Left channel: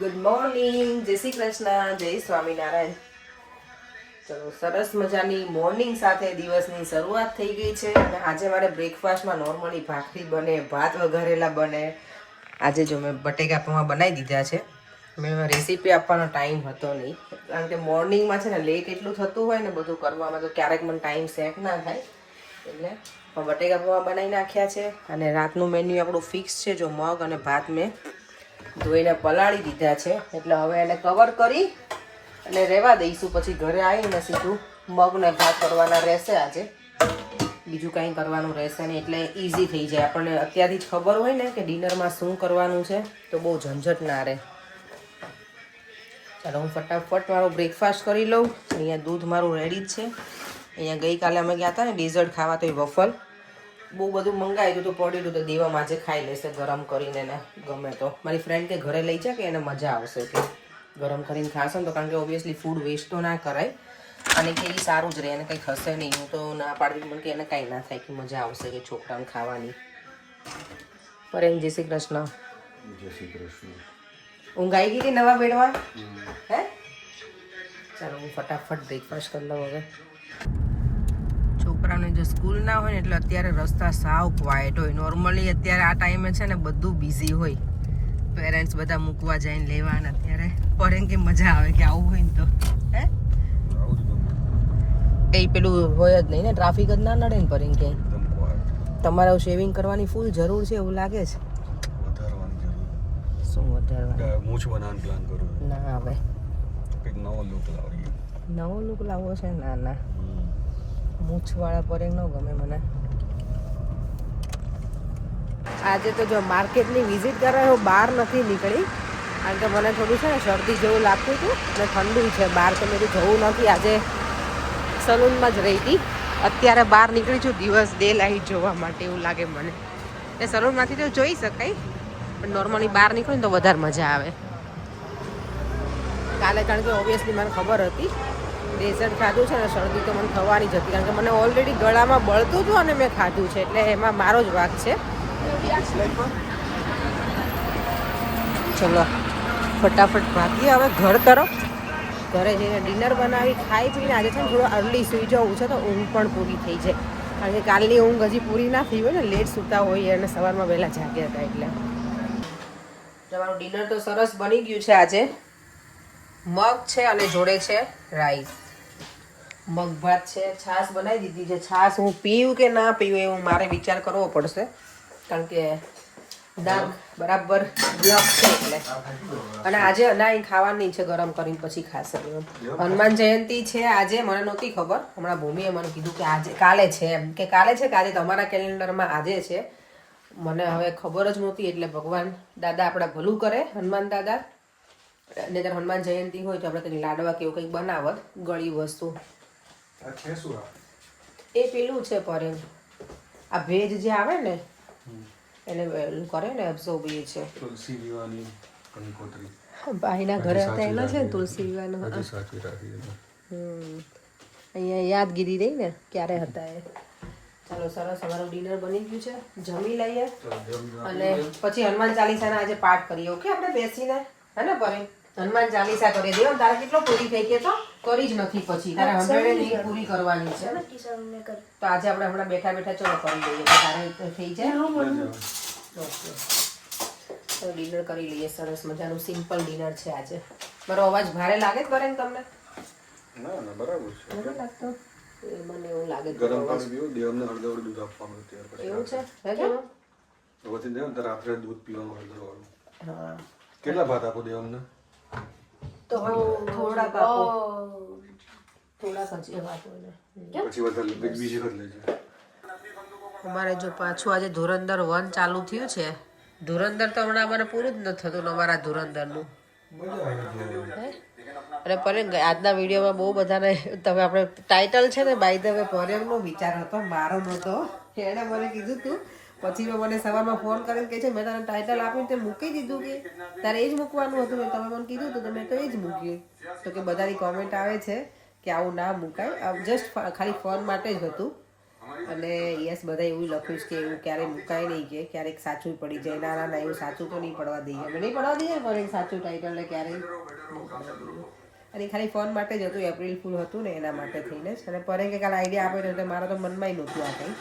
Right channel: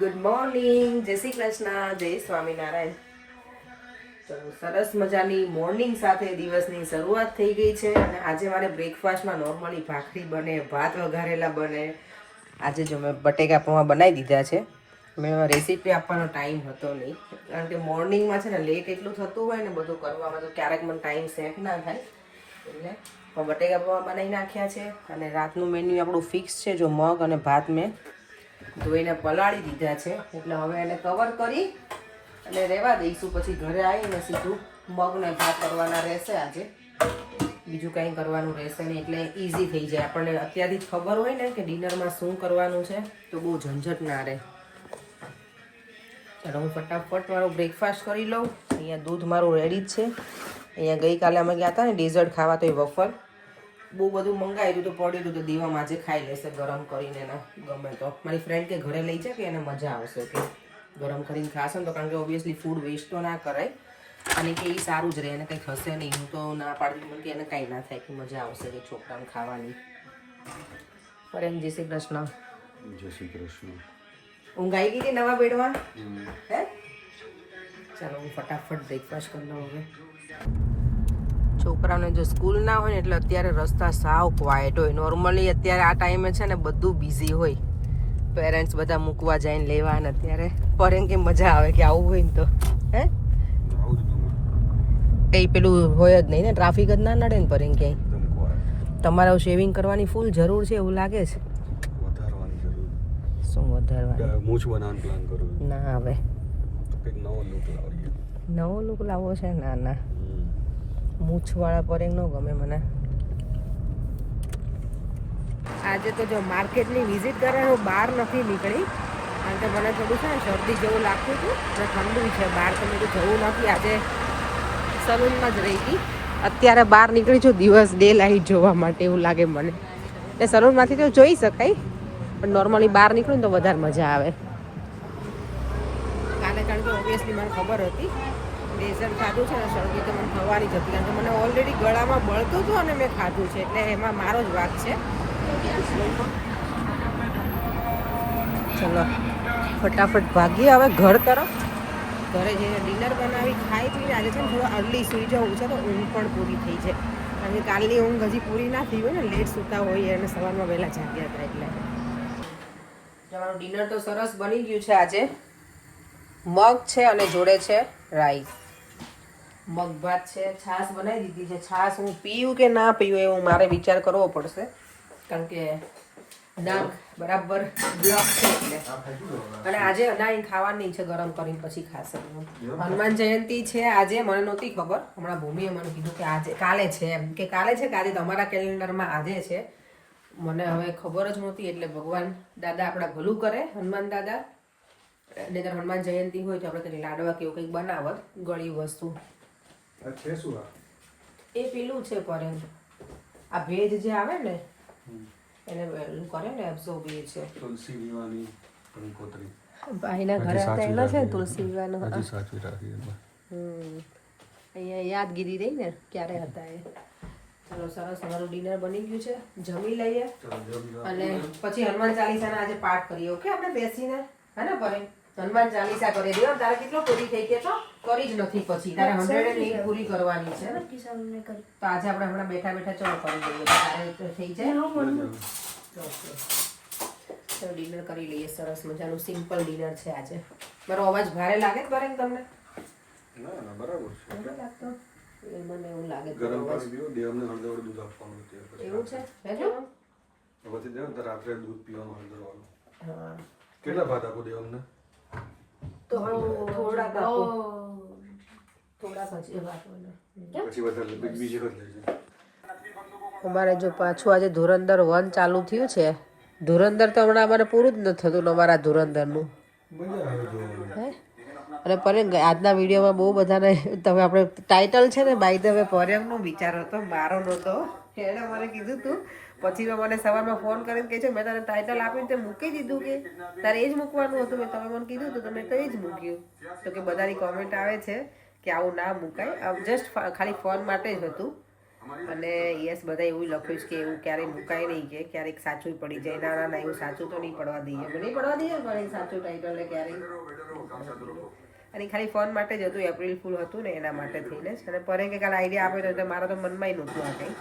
Good morning, જય શ્રી કૃષ્ણ, જય સ્વામિનારાયણ. ચલો, સરસ મજાની મોર્નિંગ સાથે દિવસની શરૂઆત થઈ ગઈ છે. અને આજે મારે બ્રેકફાસ્ટમાં નોર્મલી ભાખરી બને, ભાત વઘારેલા બને. આજે જો મેં બટેકા પૌવા બનાવી દીધા છે. મેં રેસીપી આપવાનો ટાઈમ હતો નહીં, કારણ કે મોર્નિંગમાં છે ને લેટ એટલું થતું હોય ને બધું કરવામાં, તો ક્યારેક મને ટાઈમ સેટ ના થાય. એટલે બટેકા પૌવા બનાવી નાખ્યા છે. અને રાતનું મેન્યુ આપણું ફિક્સ છે. જો મગ અને ભાત મેં ધોઈને પલાળી દીધા છે, એટલે હવે એને કવર કરી અને રહેવા દઈશું. પછી ઘરે આવીને સીધું મગને ભાત કરવાના રહેશે. આજે બીજું કંઈ કરવાનું રહેશે નહીં, એટલે ઇઝી થઈ જાય. આપણને અત્યારથી જ ખબર હોય ને કે ડિનરમાં શું કરવાનું છે, તો બહુ ઝંઝટ ના રહે. ચાલો, હું ફટાફટ મારો બ્રેકફાસ્ટ કરી લઉં. અહીંયા દૂધ મારું રેડી જ છે. અહીંયા ગઈકાલે અમે ગયા હતા ને ડેઝર્ટ ખાવા, તો એ વફલ બહુ બધું મંગાવ્યું હતું, પડ્યું હતું. તો દીવામાં આજે ખાઈ લેશે ગરમ કરીને. ને ગમે તો મારી ફ્રેન્ડ કે ઘરે લઈ જાય કે એને મજા આવશે કે ગરમ કરીને ખાશે ને, તો કારણ કે ઓબ્વિયસલી ફૂડ વેસ્ટ તો ના કરાય. અને કે એ સારું જ રહે, એને કંઈ હશે નહીં. હું તો ના પાડતી પણ કે એને કાંઈ ના થાય, કે મજા આવશે કે છોકરાને ખાવાની. ફરેન જય શ્રી કૃષ્ણ. જય શ્રી કૃષ્ણ. ઊંઘ આવી ગઈ કે નવા બેડમાં? હે, ચાલો હું ફટાફટ બ્રેકફાસ્ટ કરી લઉં. હવે છોકરાઓને જો સ્કૂલ ના હોય ને એટલે અત્યારે રસ્તા સાવ ક્વાઇટ હોય. નોર્મલી અત્યારે આ ટાઈમે છે ને બધું બિઝી હોય, પેરેન્ટ્સ બધા મૂકવા જાય ને લેવા. ને અત્યારે પર એમ કે મજા આવે કે આવું હોય ને તો હે કંઈ પેલું હોય જ નહીં ને, ટ્રાફિક જ ના નડે ને. પર એમ ક્યાંય તમારે શેવિંગ કરવાની ફૂલ જરૂર છે એવું લાગે છે. વધારવાની જરૂર. શું વધારવાની? મૂછ બનાવવાનો પ્લાન કરું છું. ના હવે કંઈક નવો લુક લાવીએ. નવો લુક લાવવો છે? ના ના, મૂછવાળા પર ન ગમે મને. આજે તો જો માર્કેટની વિઝિટ કરવા બહાર નથી નીકળી, કારણ કે મને થોડું છે ને શરદી જેવું લાગતું હતું ને ઠંડુ છે બહાર, તો મેં જવું નથી. આજે સલૂનમાં જ રહી હતી. અત્યારે બહાર નીકળી છું દિવસ ડે લાઈટ જોવા માટે, એવું લાગે મને. એટલે સલૂનમાંથી તો જોઈ શકાય, પણ નોર્મલી બહાર નીકળું ને તો વધારે મજા આવે. કાલે કારણ કે ઓબ્વિયસલી મને ખબર હતી ડેઝર્ટ ખાધું છે ને, શરદી તો મને થવાની જ હતી, કારણ કે મને ઓલરેડી ગળામાં બળતું હતું અને મેં ખાધું છે, એટલે એમાં મારો જ વાંક છે. ચલો ફટાફટ ભાગીએ હવે ઘર તરફ. ઘરે જઈને ડિનર બનાવી ખાઈ પીને આજે છે ને થોડું અર્લી સૂઈ જવું છે, તો ઊંઘ પણ પૂરી થઈ જાય. કારણ કે કાલની ઊંઘ હજી પૂરી ના થઈ હોય ને, લેટ સૂતા હોઈએ અને સવારમાં વહેલા જાગ્યા હતા. એટલે તમારું ડિનર તો સરસ બની ગયું છે. આજે મગ છે અને જોડે છે રાઈસ. મગ ભાત છે, છાશ બનાવી દીધી છે. છાશ હું પીવું કે ના પીવું એવું મારે વિચાર કરવો પડશે, કારણ કે નાક બરાબર બ્લોક છે એટલે. અને આજે અનાઈ ખાવાની છે, ગરમ કરીને પછી ખાશે. હનુમાન જયંતિ છે આજે, મને નહોતી ખબર. હમણાં ભૂમિએ મને કીધું કે આજે કાલે છે, એમ કે કાલે છે કે આજે તમારા કેલેન્ડરમાં આજે છે. મને હવે ખબર જ નહોતી. એટલે ભગવાન દાદા આપણા ભલું કરે, હનુમાન દાદા. ને ત્યારે હનુમાન જયંતિ હોય તો આપણે કંઈક લાડવા કે એવું કંઈક બનાવત ગળી વસ્તુ. એ પેલું છે પર આ ભેજ જે આવે ને એને કરે ને એબ્ઝોર્બ એ છે. તુલસી દીવાની અને કોતરી ભાઈના ઘરે હતા એના છે ને તુલસી વિવાનો. અહીંયા યાદગીરી રહી ને ક્યારે હતા એ. ચાલો સરસ, અમારું ડિનર બની ગયું છે, જમી લઈએ અને પછી હનુમાન ચાલીસાના આજે પાઠ કરીએ. ઓકે, આપણે બેસીને હે ને પર હનુમાન ચાલીસા કરી દે. તારે કેટલો પૂરી થઈ ગઈ? તો કરી જ નથી, પછી તારે 108 પૂરી કરવાની છે. તો આજે આપણે હમણાં બેઠા બેઠા ચલો કરી દઈએ, તો તારે થઈ જાય. તો ડિનર કરી લઈએ. સરસ મજાનું સિમ્પલ ડિનર છે આજે. મારો અવાજ ભારે લાગે જ કરે તમને? ના ના, બરાબર છે. નથી લાગતો? એ મને એવું લાગે છે. ગરમ પાણી પીવું, દેવને હળદર દૂધ આપવાનું અત્યારે. એવું છે? હે જો પછી દેવ તો રાત્રે દૂધ પીવાનું હળદર વાળું. હા, કેટલા ભાત આપો દેવને? તો થોડાક આપો, થોડાક જ એવા આપો ને. પછી વધારે બીજી વખત લેજે. અમારે જો પાછું આજે ધુરંધર 1 ચાલુ થયું છે. ધુરંધર તો હમણાં અમારે પૂરું જ નથી થતું અમારા ધુરંધરનું. મજા આવે જોવાની. અને પરેમ આજના વિડીયોમાં બહુ બધાને તમે આપણે ટાઇટલ છે ને બાય ધ વે પરેમનો વિચાર હતો, મારો નહોતો. એણે મને કીધું તું, પછી મેં મને સવારમાં ફોન કરીને કહે છે મેં તને ટાઇટલ આપીને તે મૂકી દીધું કે તારે એ જ મૂકવાનું હતું. મેં તમે મને કીધું હતું તો મેં તો એ જ મૂક્યું. તો કે બધાની કોમેન્ટ આવે છે કે આવું ના મૂકાય, જસ્ટ ખાલી ફોન માટે જ હતું. અને યસ બધા એવું લખ્યું છે કે એવું ક્યારેય મુકાય નહીં, કે ક્યારેક સાચું પડી જાય. ના ના, એવું સાચું તો નહીં પડવા દઈએ, અમે નહીં પડવા દઈએ પણ સાચું ટાઈટલ ક્યારેય નહીં પડવા દઈએ. અને ખાલી ફોન માટે જ હતું, એપ્રિલ ફૂલ હતું ને એના માટે થઈને જ. અને પરે કે કાલે આઈડિયા આપે તો એટલે મારા તો મનમાં નહોતું આ કંઈ.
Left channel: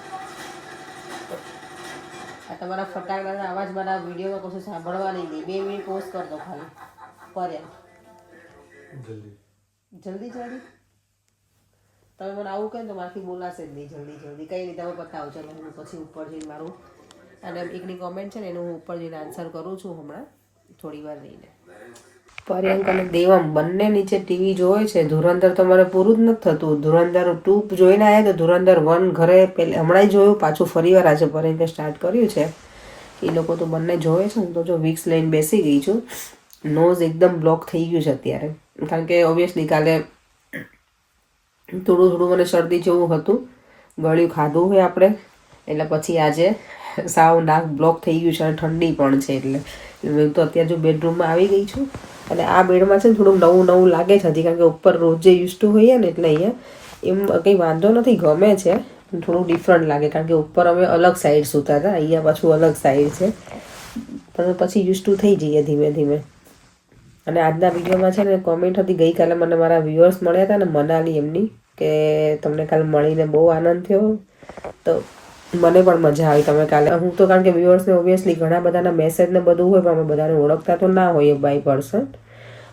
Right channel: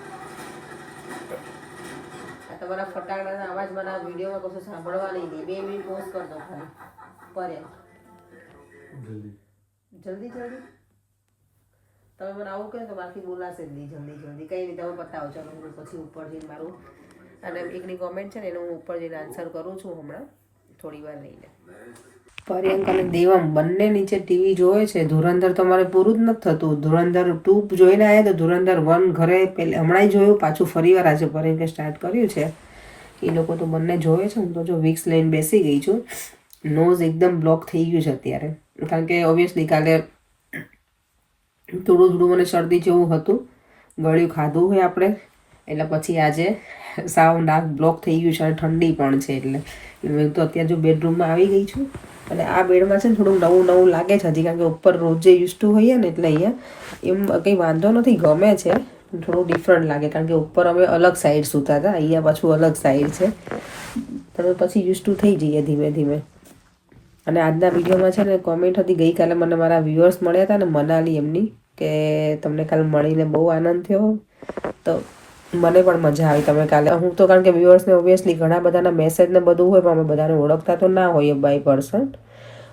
આ તમારા ફટાકડાના અવાજ મારા વિડીયોમાં કશું સાંભળવા નહીં દે. 2 મિનિટ પોઝ કર દો ખાલી પરે. જલ્દી જલ્દી તમે મને આવું કહે તો મારાથી બોલાશે જ નહીં. જલ્દી જલ્દી કંઈ નહીં, તમે બતાવો. ચલો હું પછી ઉપર જઈને મારું અને એકની કોમેન્ટ છે ને એનું હું ઉપર જઈને આન્સર કરું છું હમણાં થોડી વાર રહીને. પર્યંક અને દેવમ બંને નીચે ટીવી જોવે છે. ધુરંધર તો મારે પૂરું જ નથી થતું. ધુરંધર 2 જોઈને આવ્યા તો ધુરંધર 1 ઘરે પહેલે હમણાં જોયું, પાછું ફરી વાર આજે પર્યંકે સ્ટાર્ટ કર્યું છે. એ લોકો તો બંને જોવે છે. હું તો જો વિક્સ લઈને બેસી ગઈ છું. નોઝ એકદમ બ્લોક થઈ ગયું છે અત્યારે, કારણ કે ઓબ્વિયસલી કાલે થોડું થોડું મને શરદી જેવું હતું, ગળ્યું ખાધું હોય આપણે, એટલે પછી આજે સાવ નાક બ્લોક થઈ ગયું છે અને ઠંડી પણ છે. એટલે હું તો અત્યારે જો બેડરૂમમાં આવી ગઈ છું. અને આ બેડમાં છે ને થોડુંક નવું નવું લાગે છે હજી, કારણ કે ઉપર રોજે યુઝ ટુ હોઈએ ને એટલે અહીંયા એમ કંઈ વાંધો નથી, ગમે છે. થોડું ડિફરન્ટ લાગે કારણ કે ઉપર અમે અલગ સાઈડ સૂતા હતા, અહીંયા પાછું અલગ સાઈડ છે. પણ પછી યુઝ ટુ થઈ જઈએ ધીમે ધીમે. અને આજના વિડીયોમાં છે ને કોમેન્ટ હતી, ગઈકાલે મને મારા વ્યુઅર્સ મળ્યા હતા ને મનાલી એમની, કે તમને કાલે મળીને બહુ આનંદ થયો. તો મને પણ મજા આવી. તમે કાલે હું તો કારણ કે વ્યુઅર્સને ઓબ્વિયસલી ઘણા બધાના મેસેજ ને બધું હોય, પણ અમે બધાને ઓળખતા તો ના હોઈએ બાય પર્સન,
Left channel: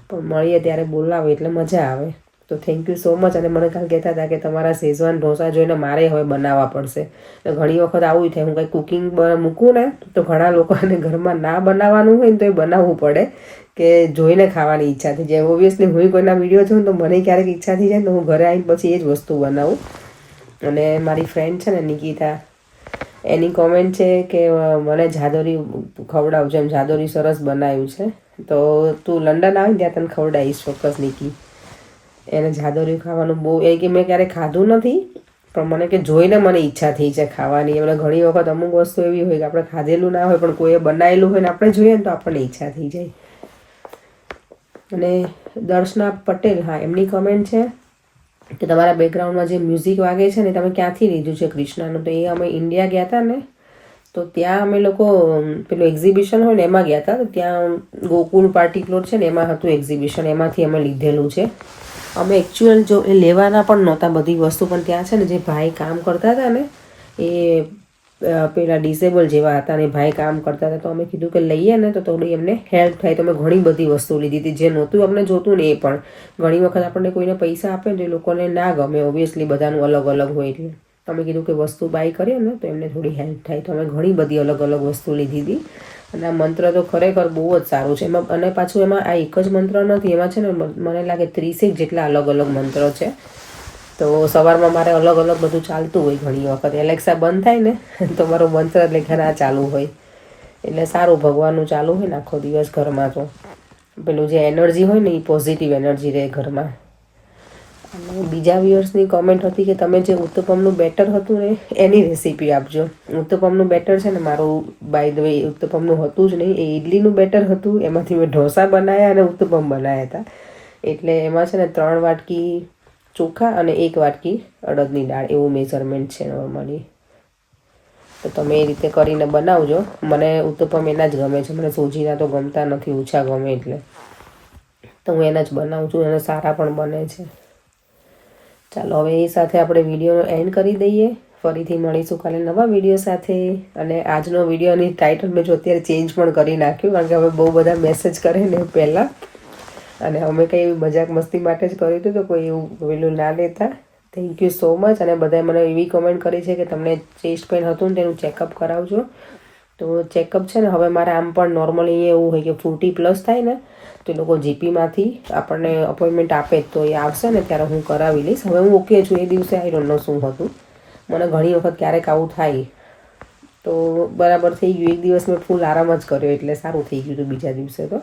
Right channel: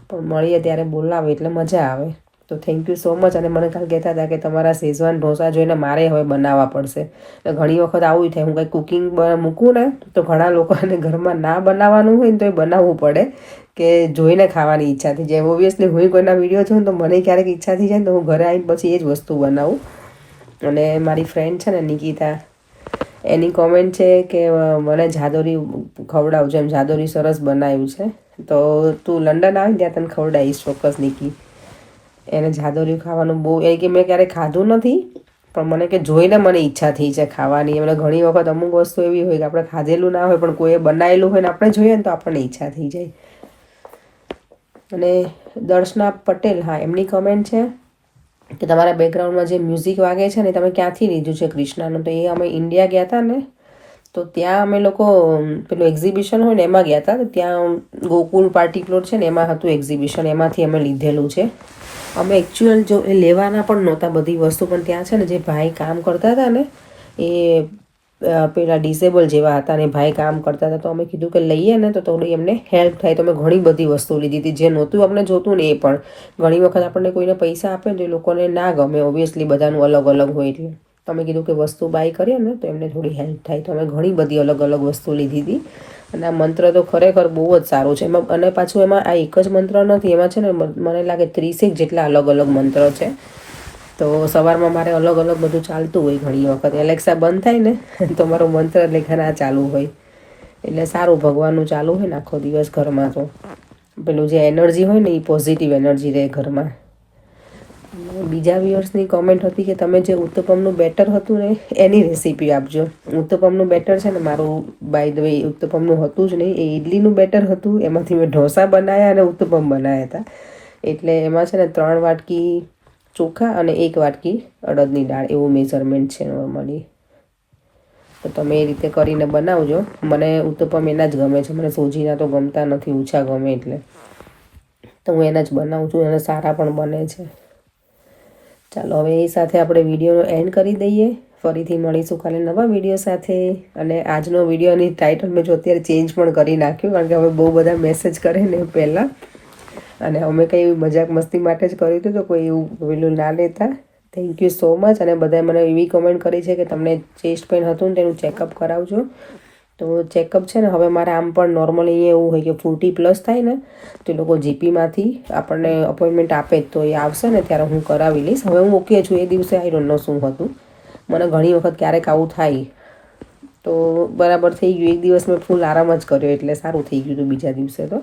પણ મળીએ ત્યારે બોલાવે એટલે મજા આવે. તો થેન્ક યુ સો મચ. અને મને કાલે કહેતા હતા કે તમારા શેઝવાન ઢોસા જોઈને મારે હવે બનાવવા પડશે. ઘણી વખત આવું થાય, હું કંઈ કુકિંગ મૂકું ને તો ઘણા લોકોને ઘરમાં ના બનાવવાનું હોય ને તો એ બનાવવું પડે, કે જોઈને ખાવાની ઈચ્છા થઈ જાય. ઓબ્વિયસલી હું કોઈના વિડીયો જોઉં તો મને ક્યારેક ઈચ્છા થઈ જાય તો હું ઘરે આવીને પછી એ જ વસ્તુ બનાવું. અને મારી ફ્રેન્ડ છે ને નિકિતા, એની કોમેન્ટ છે કે મને જાદોરી ખવડાવજો, એમ જાદોરી સરસ બનાવ્યું છે. તો તું લંડન આવે ને ત્યાં તને ખવડાવીશ ચોક્કસ નિકી. એને જાદોરી ખાવાનું બહુ, એ કે મેં ક્યારેય ખાધું નથી પણ મને કે જોઈને મને ઈચ્છા થઈ છે ખાવાની. એમને ઘણી વખત અમુક વસ્તુ એવી હોય કે આપણે ખાધેલું ના હોય પણ કોઈએ બનાવેલું હોય ને આપણે જોઈએ ને તો આપણને ઈચ્છા થઈ જાય. અને દર્શના પટેલ, હા એમની કમેન્ટ છે કે તમારા બેકગ્રાઉન્ડમાં જે મ્યુઝિક વાગે છે ને તમે ક્યાંથી લીધું છે કૃષ્ણાનું? તો એ અમે ઇન્ડિયા ગયા હતા ને તો ત્યાં અમે લોકો પેલું એક્ઝિબિશન હોય ને એમાં ગયા હતા. તો ત્યાં ગોકુલ પાર્ટી પ્લોટ છે ને એમાં હતું એક્ઝિબિશન, એમાંથી અમે લીધેલું છે. અમે એકચ્યુઅલ જો એ લેવાના પણ નહોતા બધી વસ્તુ, પણ ત્યાં છે ને જે ભાઈ કામ કરતા હતા ને એ પેલા ડિસેબલ જેવા હતા ને ભાઈ કામ કરતા હતા, તો અમે કીધું કે લઈએ ને તો થોડી એમને હેલ્પ થાય. તો અમે ઘણી બધી વસ્તુ લીધી હતી, જે નહોતું અમને જોતું ને એ પણ. ઘણી વખત આપણને કોઈને પૈસા આપે ને તો એ લોકોને ના ગમે, ઓબ્વિયસલી બધાનું અલગ અલગ હોય. એટલે તમે કીધું કે વસ્તુ બાય કરીએ ને તો એમને થોડી હેલ્પ થાય. તો અમે ઘણી બધી અલગ અલગ વસ્તુ લીધી હતી. અને આ મંત્ર તો ખરેખર બહુ જ સારું છે. એમાં અને પાછું એમાં આ એક જ મંત્ર નથી, એમાં છે ને મને લાગે 30 જેટલા અલગ અલગ મંત્ર છે. તો સવારમાં મારે અલગ અલગ બધું ચાલતું હોય. ઘણી વખત એલેક્સા બંધ થાય ને તો મારો મંત્ર લેખના ચાલુ હોય, એટલે સારું ભગવાનનું ચાલુ હોય ને આખો દિવસ ઘરમાં. તો પેલું જે એનર્જી હોય ને એ પોઝિટિવ એનર્જી રહે ઘરમાં. અને બીજા વ્યુઅર્સની કોમેન્ટ હતી કે તમે જે ઉત્તપમનું બેટર હતું ને એની રેસીપી આપજો. ઉત્તપમનું બેટર છે ને મારું બાય ધ વે ઉત્તપમનું હતું જ નહીં, એ ઇડલીનું બેટર હતું. એમાંથી મેં ઢોસા બનાવ્યા અને ઉત્તપમ બનાવ્યા હતા. એટલે એમાં છે ને 3 વાટકી ચોખા અને 1 વાટકી અડદની દાળ એવું મેઝરમેન્ટ છે નોર્મલી. તો તમે એ રીતે કરીને બનાવજો. મને ઉત્તપમ એના જ ગમે છે, મને સોજીના તો ગમતા નથી, ઓછા ગમે. એટલે તો હું એના જ બનાવું છું અને સારા પણ બને છે. ચાલો હવે એ સાથે આપણે વિડીયોનો એન્ડ કરી દઈએ. ફરીથી મળીશું કાલે નવા વિડીયો સાથે. અને આજનો વિડીયોની ટાઇટલ મેં જો અત્યારે ચેન્જ પણ કરી નાખ્યું, કારણ કે હવે બહુ બધા મેસેજ કરે ને પહેલાં, અને અમે કંઈ એવી મજાક મસ્તી માટે જ કર્યું હતું, તો કોઈ એવું પેલું ના લેતા. Thank you so much. અને બધાએ મને એવી કમેન્ટ કરી છે કે તમને ચેસ્ટ પેઇન હતું ને તેનું ચેકઅપ કરાવજો. તો ચેકઅપ છે ને હવે મારે આમ પણ નોર્મલી અહીંયા એવું હોય કે 40+ થાય ને તો એ લોકો જીપીમાંથી આપણને અપોઇન્ટમેન્ટ આપે જ, તો એ આવશે ને ત્યારે હું કરાવી લઈશ. હવે હું ઓકે છું. એ દિવસે આઈ ડોન્ટ નો શું હતું, મને ઘણી વખત ક્યારેક આવું થાય તો બરાબર થઈ ગયું. એક દિવસ મેં ફૂલ આરામ જ કર્યો એટલે સારું થઈ ગયું હતું બીજા દિવસે. તો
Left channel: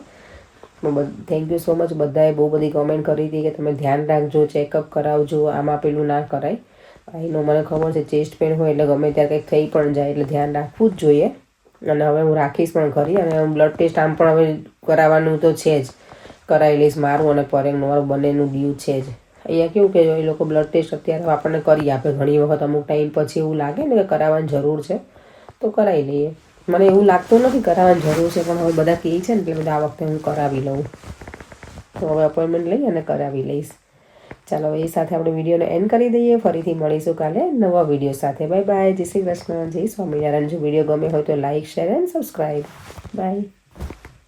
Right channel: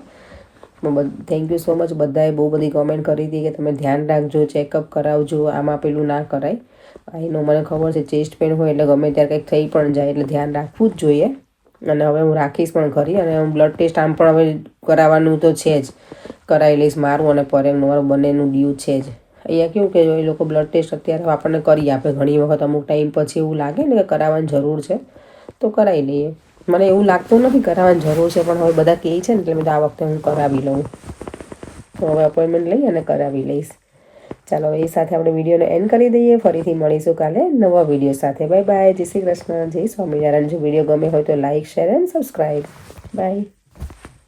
થેન્ક યુ સો મચ. બધાએ બહુ બધી કોમેન્ટ કરી હતી કે તમે ધ્યાન રાખજો, ચેકઅપ કરાવજો, આમાં પેલું ના કરાય. એનો મને ખબર છે ચેસ્ટ પેઇન હોય એટલે ગમે ત્યારે કંઈક થઈ પણ જાય, એટલે ધ્યાન રાખવું જ જોઈએ. અને હવે હું રાખીશ પણ ખરી. અને હું બ્લડ ટેસ્ટ આમ પણ હવે કરાવવાનું તો છે જ, કરાવી લઈશ. મારું અને પરેંગનું મારું બંનેનું ડ્યુ છે જ. અહીંયા કેવું કે એ લોકો બ્લડ ટેસ્ટ અત્યારે આપણને કરી આપે ઘણી વખત અમુક ટાઈમ પછી એવું લાગે ને કે કરાવવાની જરૂર છે તો કરાવી લઈએ. મને એવું લાગતું નથી કરાવવાની જરૂર છે, પણ હવે બધા કહે છે ને એટલે મેં આ વખતે હું કરાવી લઉં. તો હવે અપોઇન્ટમેન્ટ લઈ અને કરાવી લઈશ. ચાલો એ સાથે આપણે વિડીયોને એન્ડ કરી દઈએ. ફરીથી મળીશું કાલે નવા વિડીયો સાથે. Bye bye. જય શ્રી કૃષ્ણ, જય સ્વામિનારાયણ. જો વિડીયો ગમે હોય તો like, share and subscribe. By.